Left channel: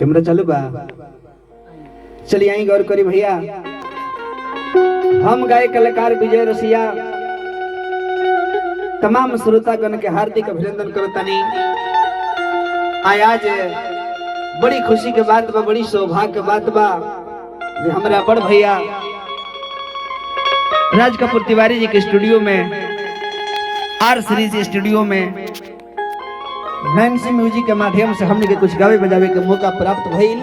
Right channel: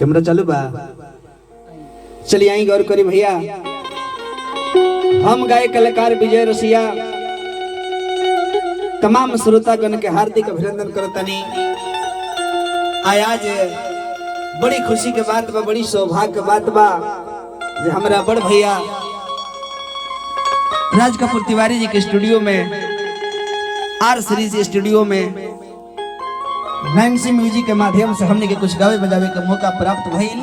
Camera चालू बा। चलिए आई गौर करी भैया, हम गाय कलाकार विजय रसिया तमाम श्रोतागण के हार्दिक अभिनंदन करतानी। आज बड़ी खुशी के बात बा, बड़ी सौभाग्य के बात बा जे हमारा बड़ भैया राज कपूर तिवारी जी के स्टूडियो में, आर सीरीज स्टूडियो में मैमसी म्यूजिक के माध्यम से हमने के कुछ गावे बजावे के मौका प्राप्त भइल।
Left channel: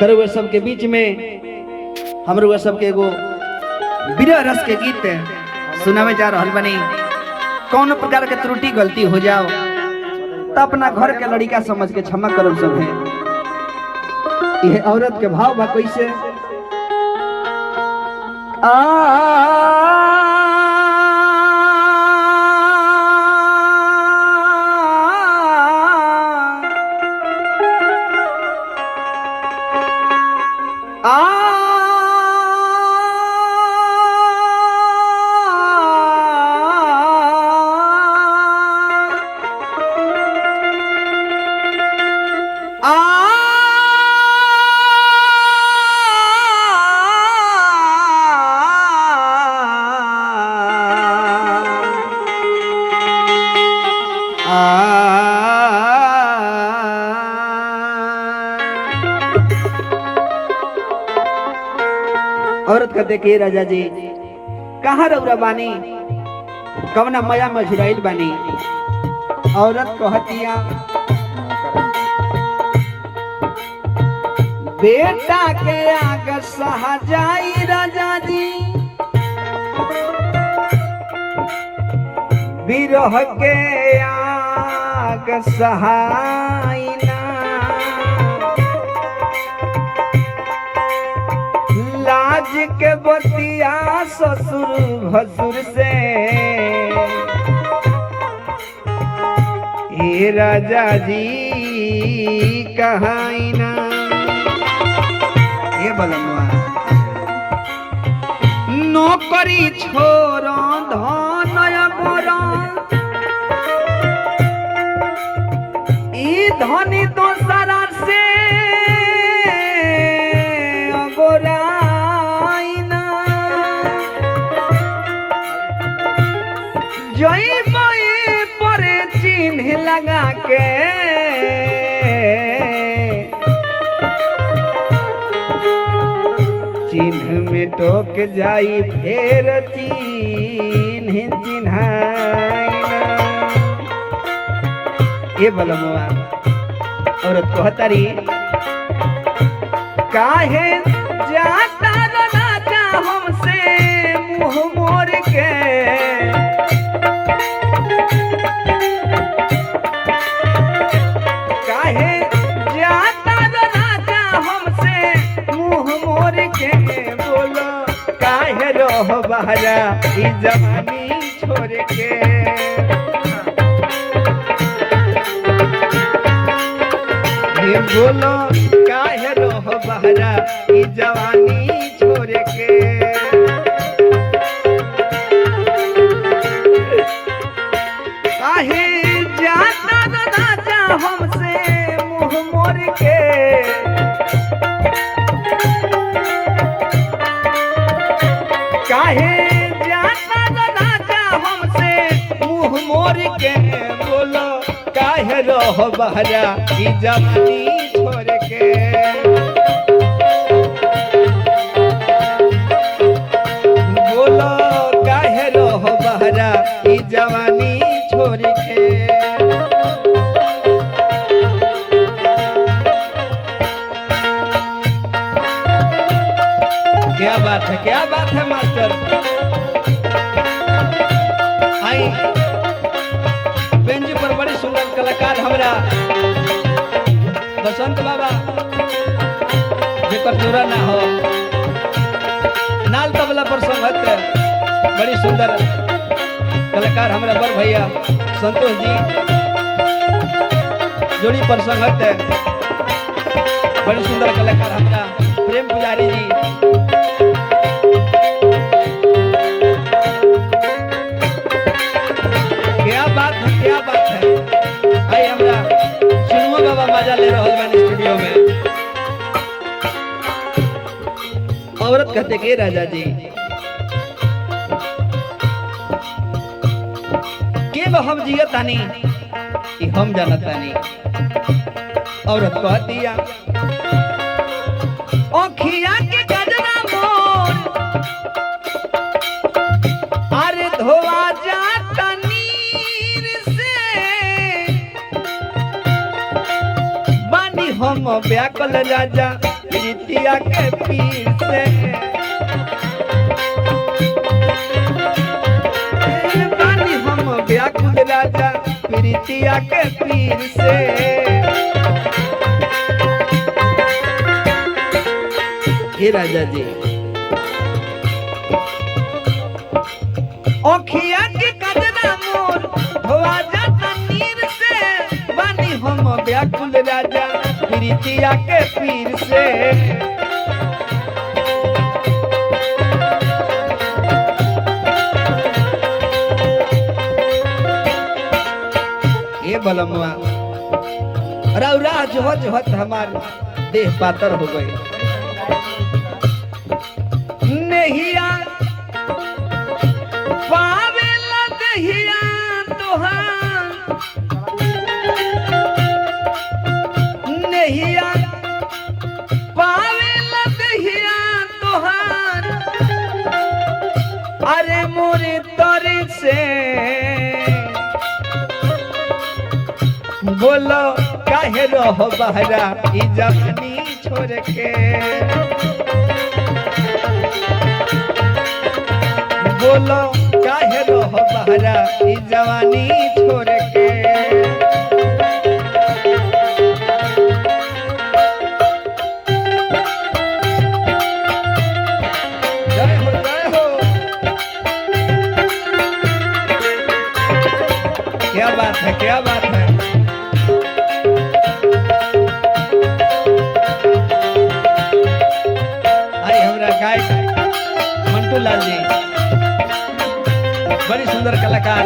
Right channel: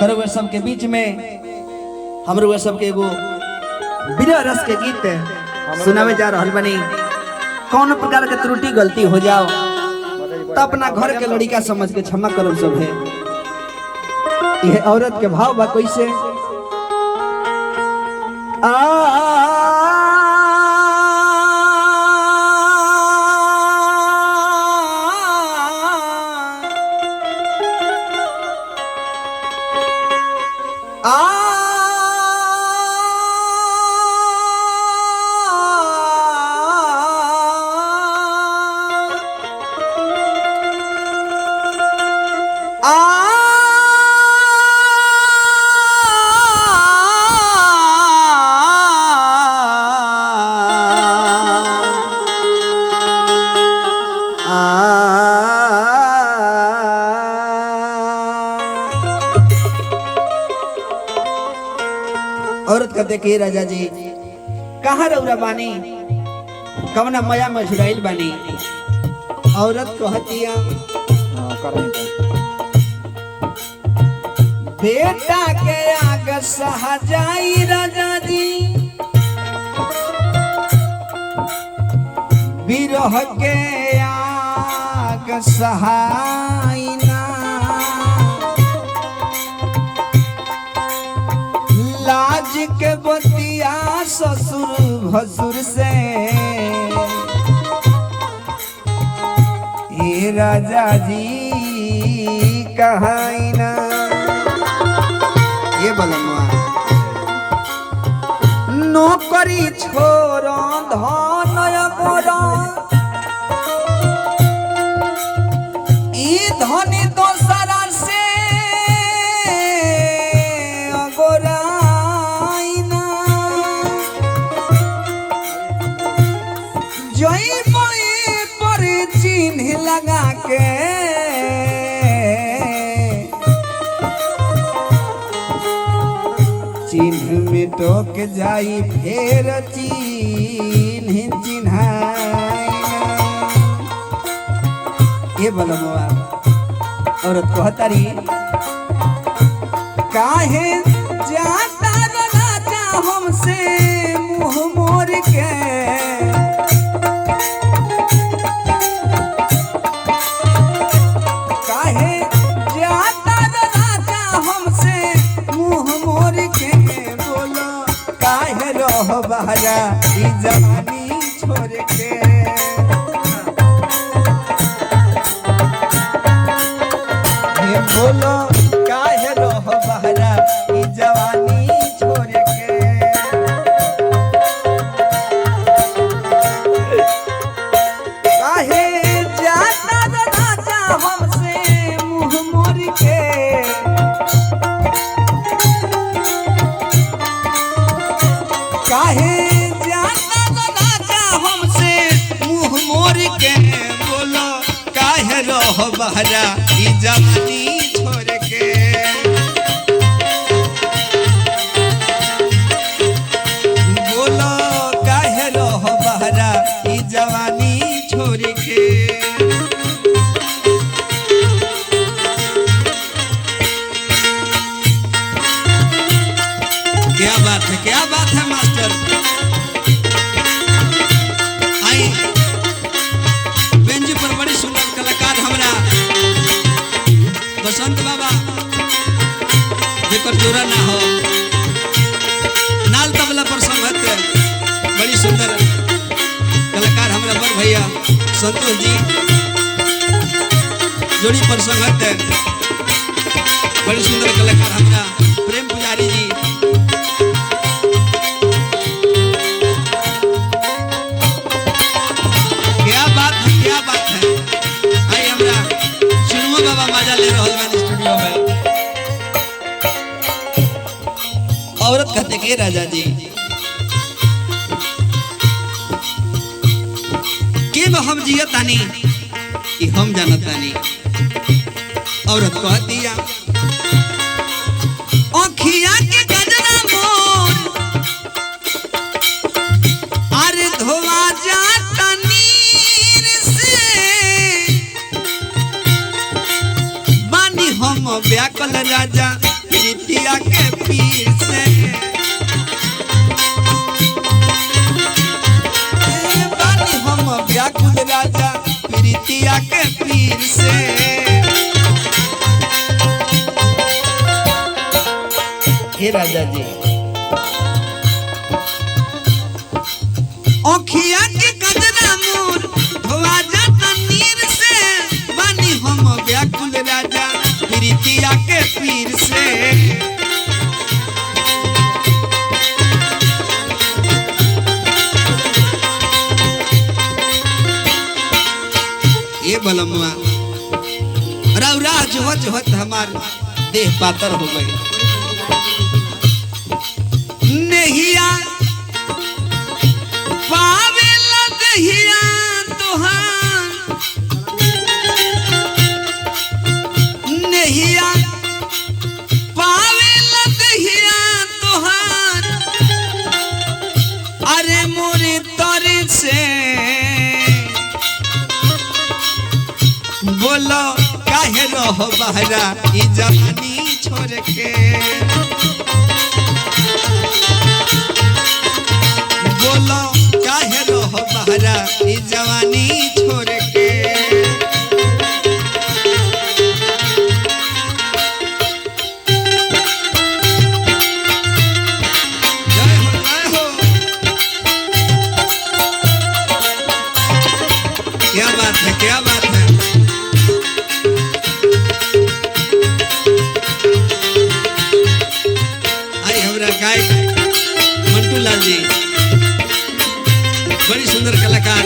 तरवे सबके बीच में हमरो सबके एगो विरह रस के गीत सुनावे जा रहल बनी। कौन प्रकार के त्रुटि गलती हो जाओ तो अपना घर के लड़का समझ के क्षमा करो सब है। यह औरत के भाव बा कैसे औरत का देखिए राजा जी कहाँ रौरा बानी, कवना मया में झुराइल बानी। औरत कहतिया बेटा के आग सहा जाई राजा जी, विरह के आग सहाई ना, लाज के बतिया ससुर भसुर से हे राजा जी कहाई ना। ये बलमवा नौकरी छोरो धन गोरा, ई धनी दोसरा से गोरा पर चिन्ह लगा के चिन्ह में टोक जाई फेर चिन्ह चिन्हाई। ये बलमवा औरत कहतारी काहे जाता राजा हमसे मुंह मोड़ के, बहरा ई जवानी छोड़ के, हे बोलो काहे रह बहरा ई जवानी छोड़ के। काहे जाता राजा हमसे मुंह मोड़ के, काहे जाता राजा हमसे मुंह मोड़ के, बोलो काहे रह बहरा ई जवानी छोड़ के। बोलो काहे रह बहरा ई जवानी छोड़ के। क्या बात है, क्या बात है मास्टर। आई बेंच पर बड़ी सुंदर कलाकार हमरा बसंत बाबा जेकर जोड़ा ना हो, नाल तबला पर संगत बड़ी सुंदर कलाकार हमरा बड़ भैया संतोष जी, जोड़ी पर संगत बड़ी सुंदर कलाकार हमरा प्रेम पुजारी जी। क्या बात है, क्या बात है। आई हमरा सुनो बाबा मजा ले रहल बानी स्टूडियो में। औरत कहते के राजा जी के हम जियतानी कि हम जानतानी। औरत कह दिया अखिया के गजरा मोर अरे धोआ जाता नीर से बानी हम व्याकुल राजा प्रीतिया के पीर से बानी हम व्याकुल राजा प्रीतिया के पीर से। हे राजा जी ओखिया के कदरा मोर धोआ जाता नीर से बानी हम व्याकुल राजा प्रीतिया के पीर से। ये बलमुआ रौरा जोहत जोहत हमार देह पातर हो गई। नहिया पावे लगहिया तोहार नहिया पावे लगहिया तोहार अरे मोरे तर से बोलो काहे रह बहरा ई जवानी छोड़ के बोलो काहे रह बहरा ई जवानी छोड़ के। जय हो जय हो क्या बात है क्या बात है। अरे हमरा गाय मंटू लाल जी बड़ी सुंदर कलाकार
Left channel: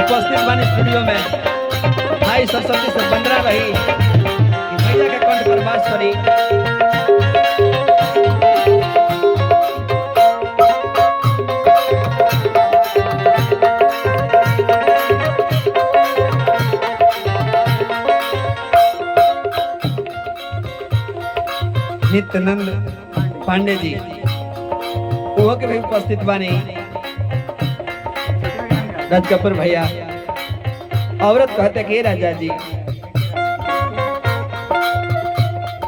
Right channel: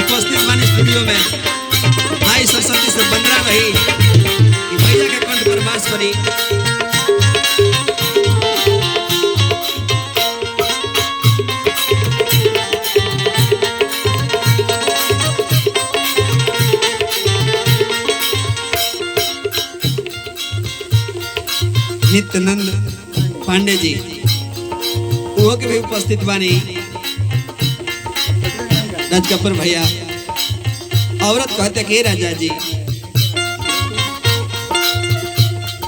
उपस्थित बानी स्टूडियो में। भाई सरस्वती से बंदरा रही कि भैया के कंठ पर वास करी। नित्यानंद पांडे जी वो के भी उपस्थित बानी। राज कपूर भैया औरत कहते कि राजा जी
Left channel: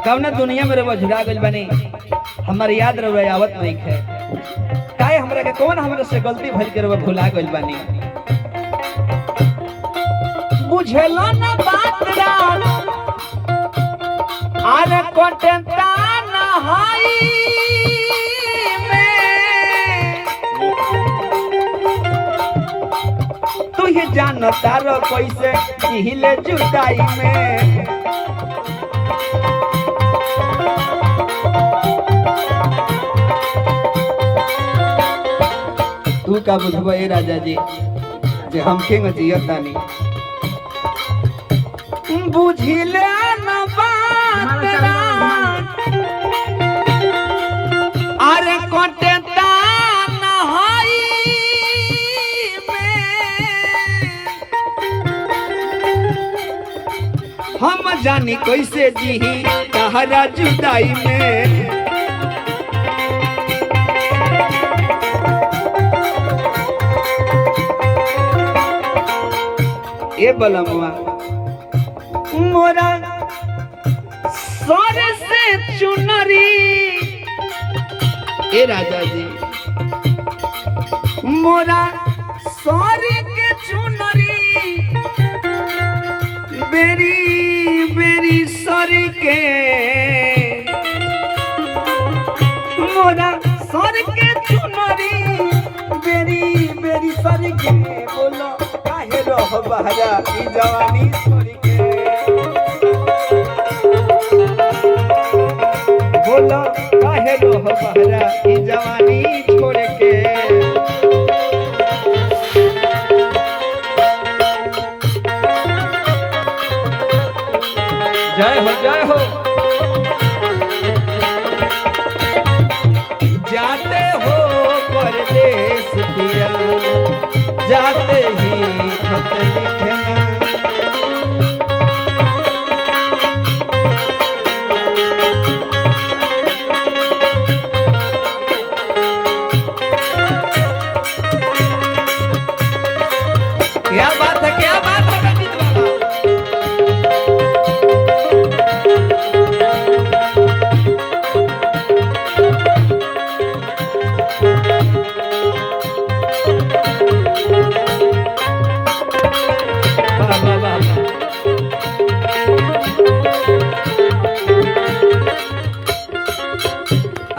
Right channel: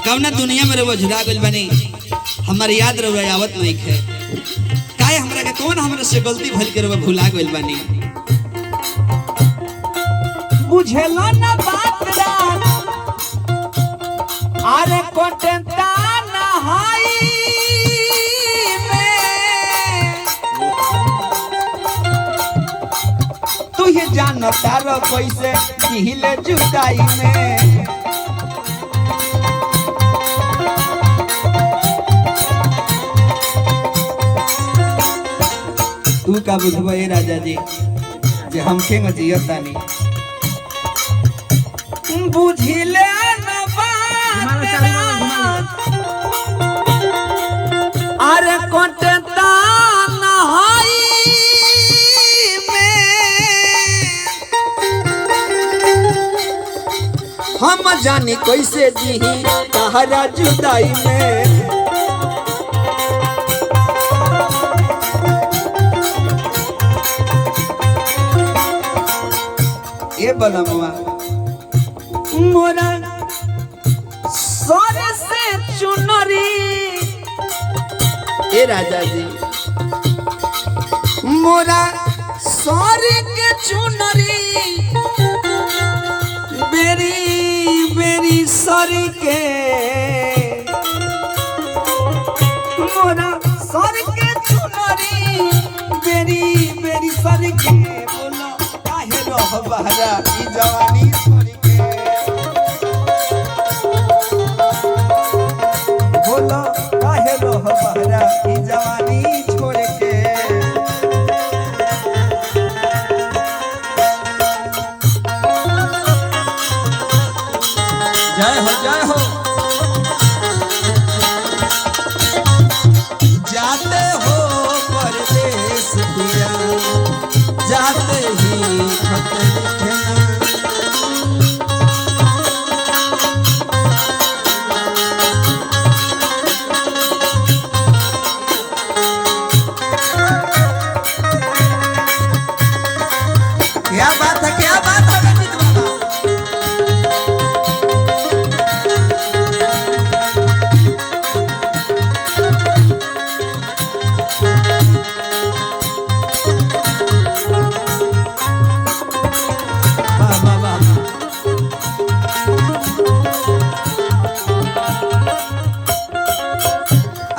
कवना दुनिया में रहो झुरा गइल बनी हमारी याद रहो आवत नहीं है काहे हमरा के कौन हमरा से गलती भइल के रहो भुला गइल बनी। बुझेलो ना बात रात अरे कोटंता ना हाई तुझे जानता रो कैसे हिले जुदाई में। तू का बुझबा ए राजा जी जे हम के जियतानी बुझिले ना बात अरे कोटता ना हाई हम जानी कैसे जी तहरा जुदाई में। ए बलमुआ मोरा सर से चुनरी ए राजा जी मोरा सर के चुनरी बेरी बेरी सर के मोरा सर के चुनरी बेरी बेरी सर के बोलो काहे रह बहरा ई जवानी छोड़ के बोलो काहे रह बहरा ई जवानी छोड़ के। जय हो जय हो। जाते हो परदेश पिया जाते ही खत लिखना। क्या बात है रंजीत बाबा। वाह वाह वाह।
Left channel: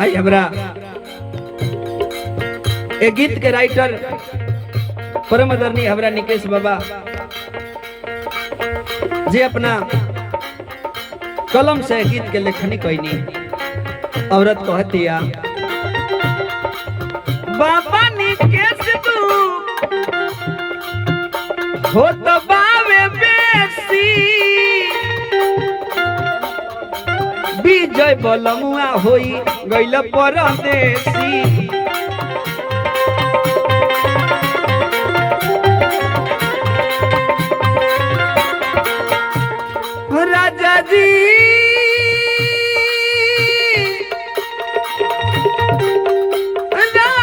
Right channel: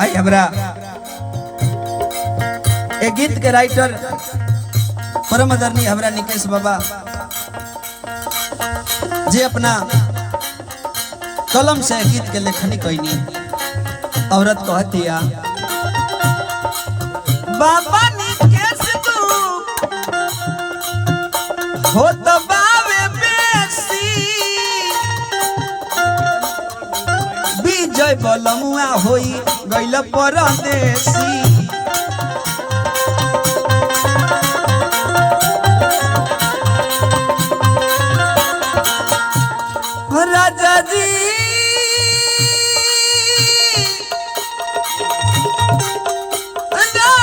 आई हमरा एक गीत के राइटर परम आदरणीय हमरा निकेश बाबा जे अपना कलम से गीत के लेखनी कैनी। औरत कहतिया बाबा निकेश तू हो दबावे बेसी विजय बलमुआ होई गइल परदेसी। राजा जी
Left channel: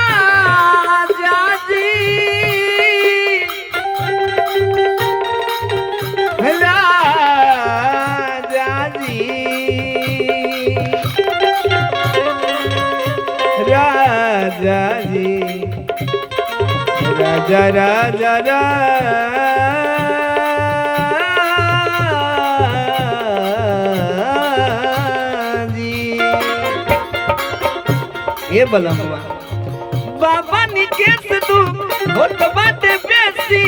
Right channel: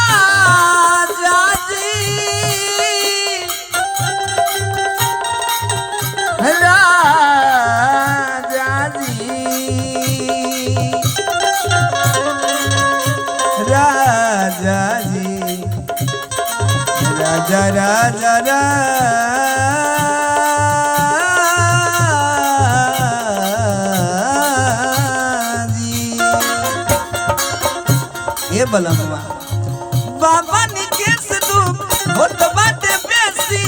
राजा जी राजा जी राजा जी राजा राजा राजा ये बलमुआ बाबा निकेश तू होत बाटे बेसी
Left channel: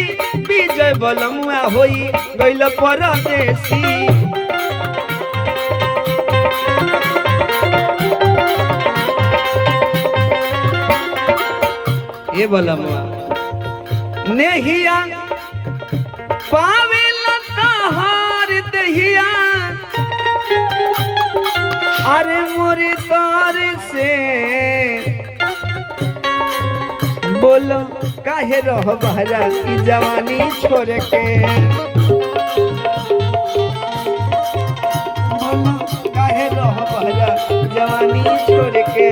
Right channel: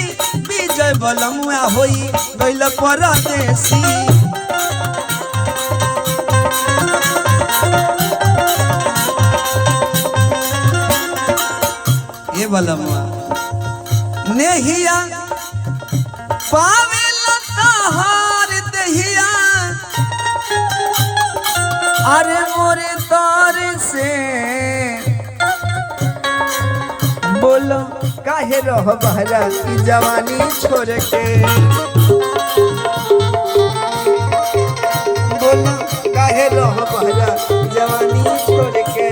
विजय बलमुआ होई गइल परदेसी। ये बलमुआ नेहिया पावे लताहार दहिया अरे मोरे तार से बोलो काहे रह बहरा की जवानी छोड़ के। बोलो काहे रह बहरा जवानी छोड़ के।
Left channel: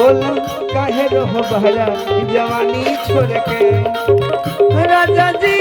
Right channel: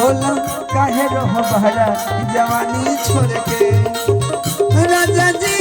बोलो काहे रह बहरा जवानी छोड़ के। राजा जी